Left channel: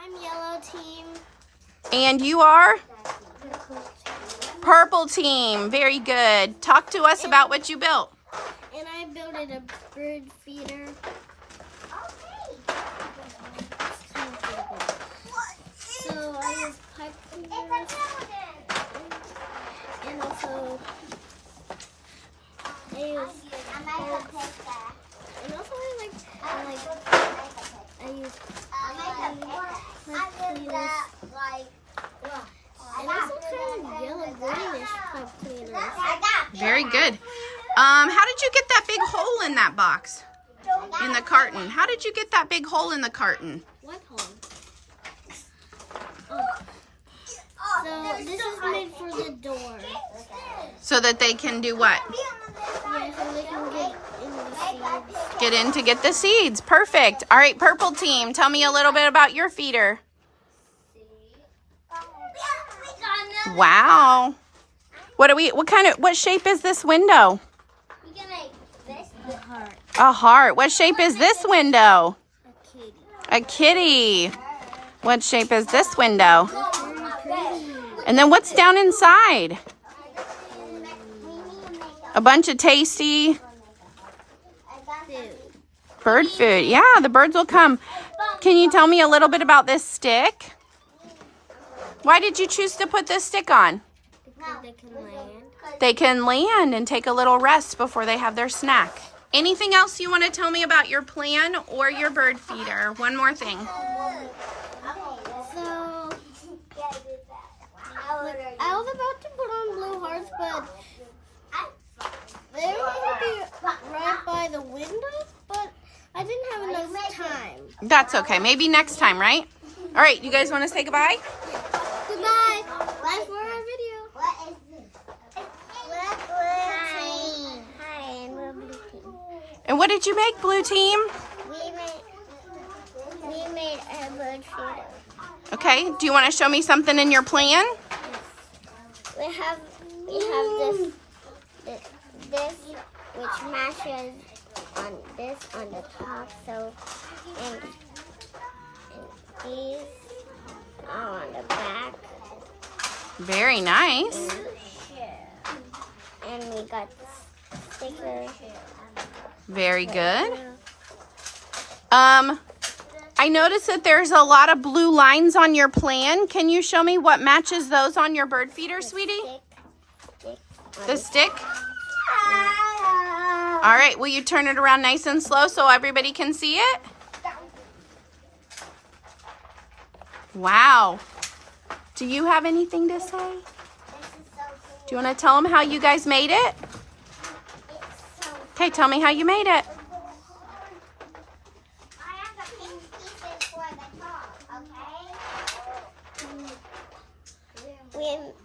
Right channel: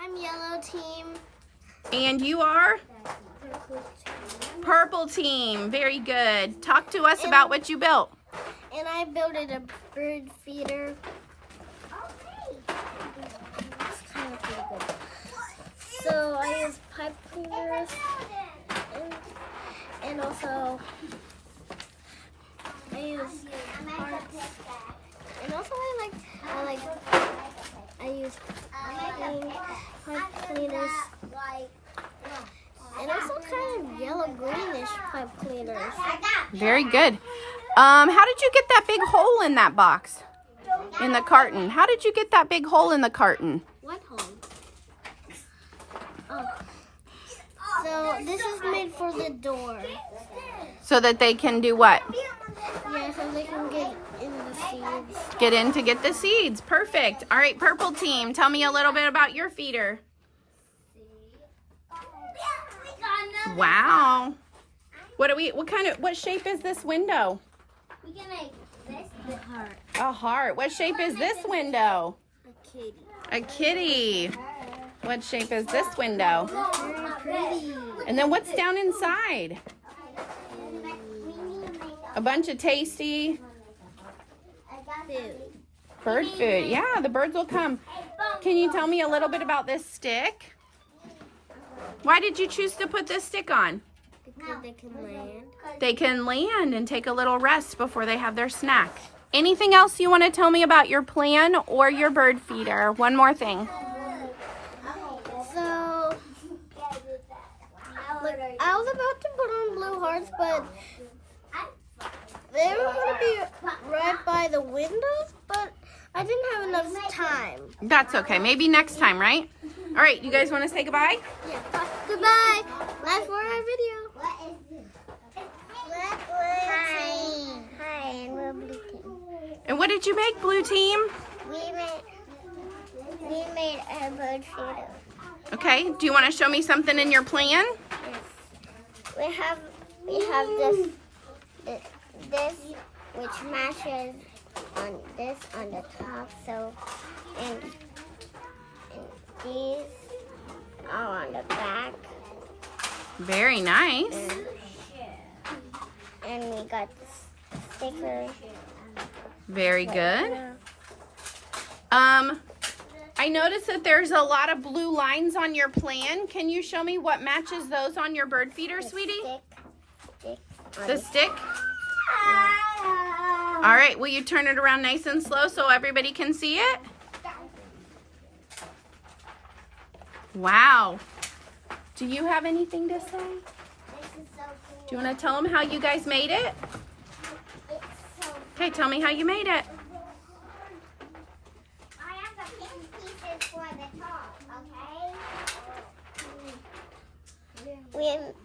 I'm yellow team. And you are? Purple team. Very good. Talk to us about what you built. And I built a bird feeder. So I use pipe cleaners and also I use parts. And also I use pipe cleaners. And also kind of yellow greenish pipe cleaners. Very good. How did you get that big hole in that box? In the carton? How did you get that big hole in the carton? What hole? Oh. So this is made for the door. So that they can do what? Yeah, so they can get in the seeds. Get in to get the seeds. Perfect. All right, purple team, tell me a little bit about your feeder. Wow. What shape is this window? We can make this a heart. A heart. What shape is this window? A kitty. A kitty. What shape is this window? That's very pretty. And then what's down inside? A bunch of tasty Food. bird food. Yeah, the birds will come. Can you tell me a little bit about this stick? Why did you choose to put this stick on? Because they can land. They can land and take a little rest before they have their snack. Anything else you want to tell me about your plan or your bird feeder? One more thing. So, I was about to put on blue hearts, but they were going to be right by the windows, but I didn't have enough time. That's okay. Maybe next time, right? All right, you guys want to say goodbye? Yeah. Goodbye. Like for our video. Hi. Hi, and we're blue team. And what did you make, blue team? We made a bird feeder. Okay. Do you want to show me something in your plan? Yes. We have this which matches on this on the top. So and these are on the back. Very nice. And we got the sticker. Very good. I noticed that there's a lot of blue lines on your plan. Can you show me what matches those on your bird feeder, sweetie? The stick? All right, will you turn it around nice and slow so everybody can see it? Wow. Do you have anything to say? Do you want to tell them how you guys made it? Okay, tell me how you made it. I have the pink pieces for the top, okay? We made it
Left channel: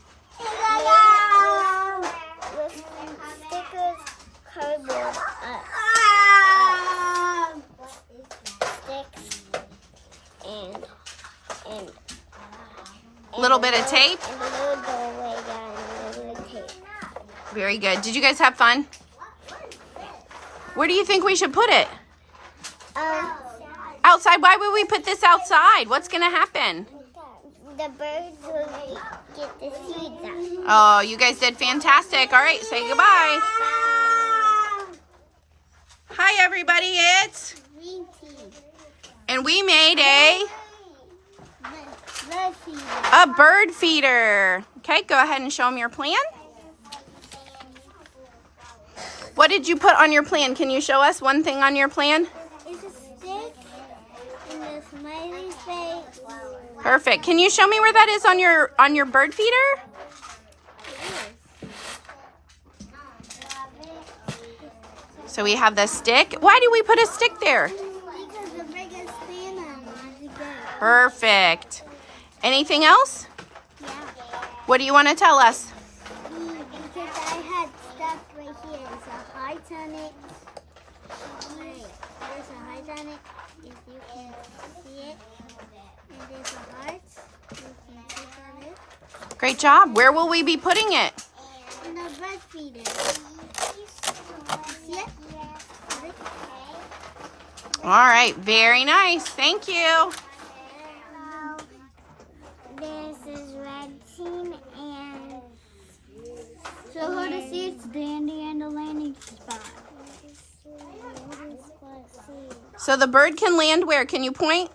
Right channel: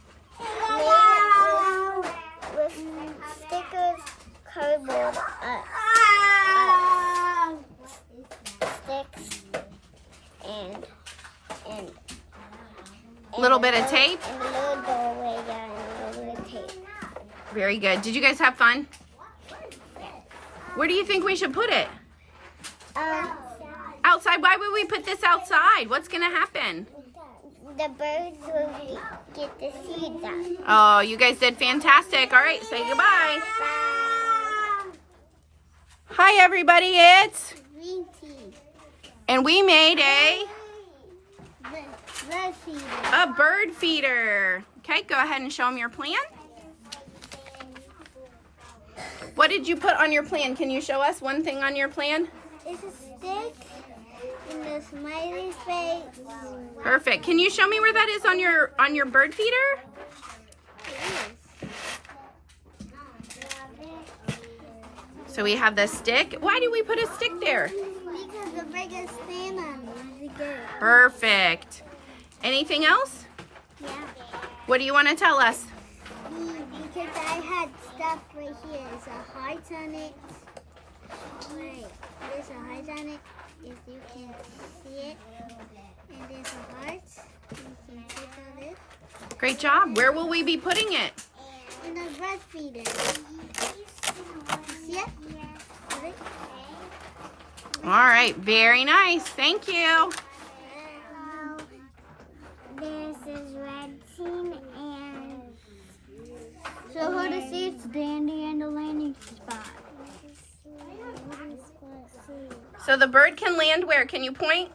with stickers, cardboard, sticks, and Little bit of tape? And a little doorway down, and a little bit of tape. Very good. Did you guys have fun? Where do you think we should put it? Outside? Why would we put this outside? What's going to happen? The birds will get the seeds out. Oh, you guys did fantastic. All right, say goodbye. Bye. Hi, everybody. It's... Green tea. And we made a Bird feeder. bird feeder. Okay, go ahead and show them your plan. What did you put on your plan? Can you show us one thing on your plan? It's a stick and a smiley face. Perfect. Can you show me where that is on your bird feeder? So we have the stick. Why do we put a stick there? Because the bird can stand on it. Perfect. Anything else? Yeah. What do you want to tell us? Because I had stuff right here. There's a heart on it. Right. There's a heart on it. If you can see it. And there's a heart. You can click on it. Great job. Where will we be putting it? In the bird feeder. You see it? See it? All right. Very nice. Thank you. Show her the seats, Dandy, and the landing spot. So the bird can land where? Can you point?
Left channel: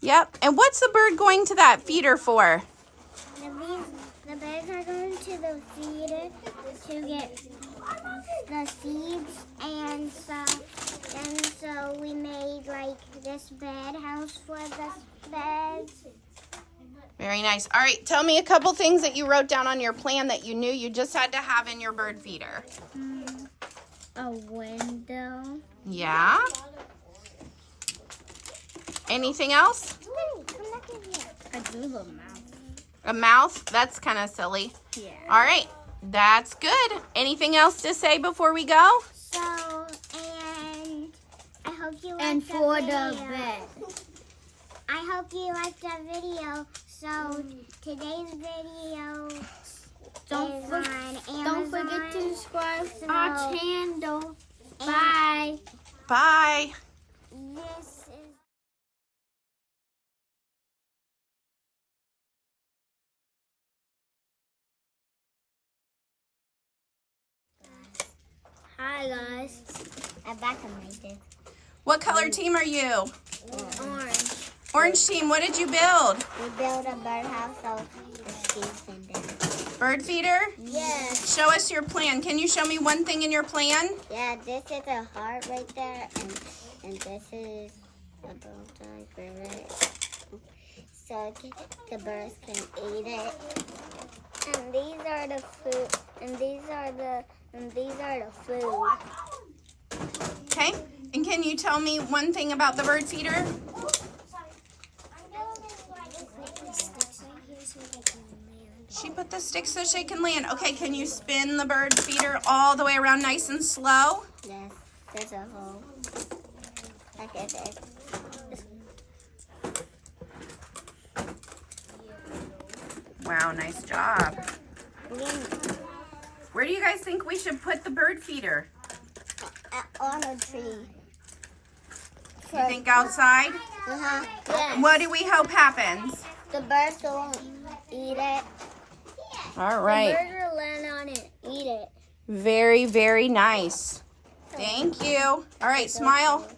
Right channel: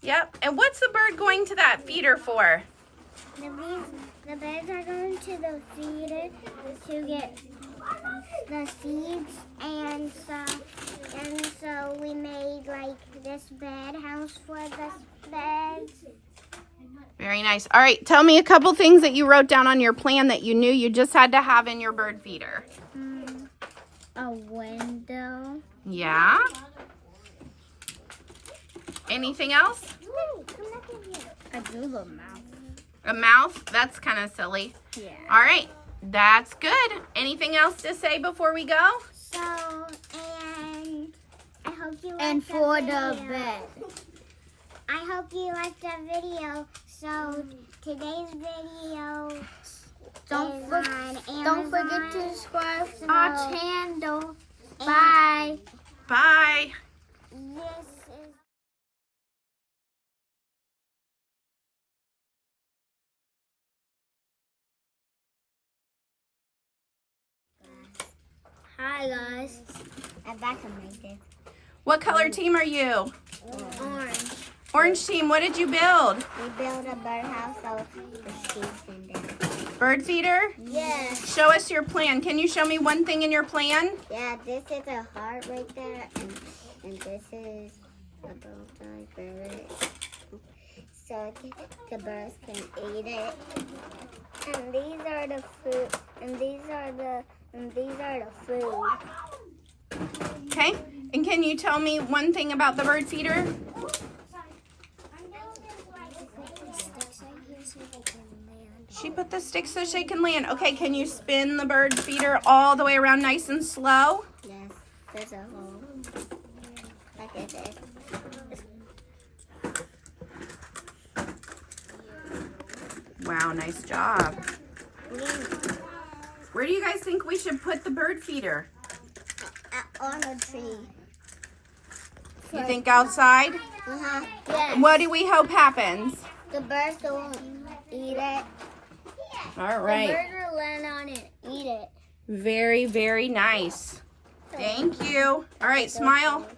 Yep. And what's the bird going to that feeder for? The birds are going to the feeder to get the seeds, and so we made like this bed house for the birds. Very nice. All right, tell me a couple things that you wrote down on your plan that you knew you just had to have in your bird feeder. A window. Yeah. Anything else? Hey, come back in here. A Google mouth. A mouth? That's kind of silly. Yeah. All right, that's good. Anything else to say before we go? So, and I hope you liked And for the video. bed. I hope you liked the video. So today's video Don't is for- on Amazon. Don't forget to subscribe So- our channel. Bye. Bye. This is. Hi guys. I'm back on my desk. What color team are you? Orange. Orange team, what did you build? We built a birdhouse so the skis can dance. Bird feeder? Yeah. Show us your plan. Can you show me one thing in your plan? Yeah, this is a heart right there, and this is a bow tie for it. So the birds can eat it. And these are the food. And these are the food. Okay. And can you tell me one thing about the bird feeder? She put the sticks so she can land. Okay, can you spin the bird feeder all the way around nice and slow? Yes, there's a hole. Like this. Wow, nice job. Where do you guys think we should put the bird feeder? On a tree. You think outside? Yes. What do we hope happens? The birds don't eat it. All The right. bird will land on it, eat it. Very, very nice. Thank you. All right, smile.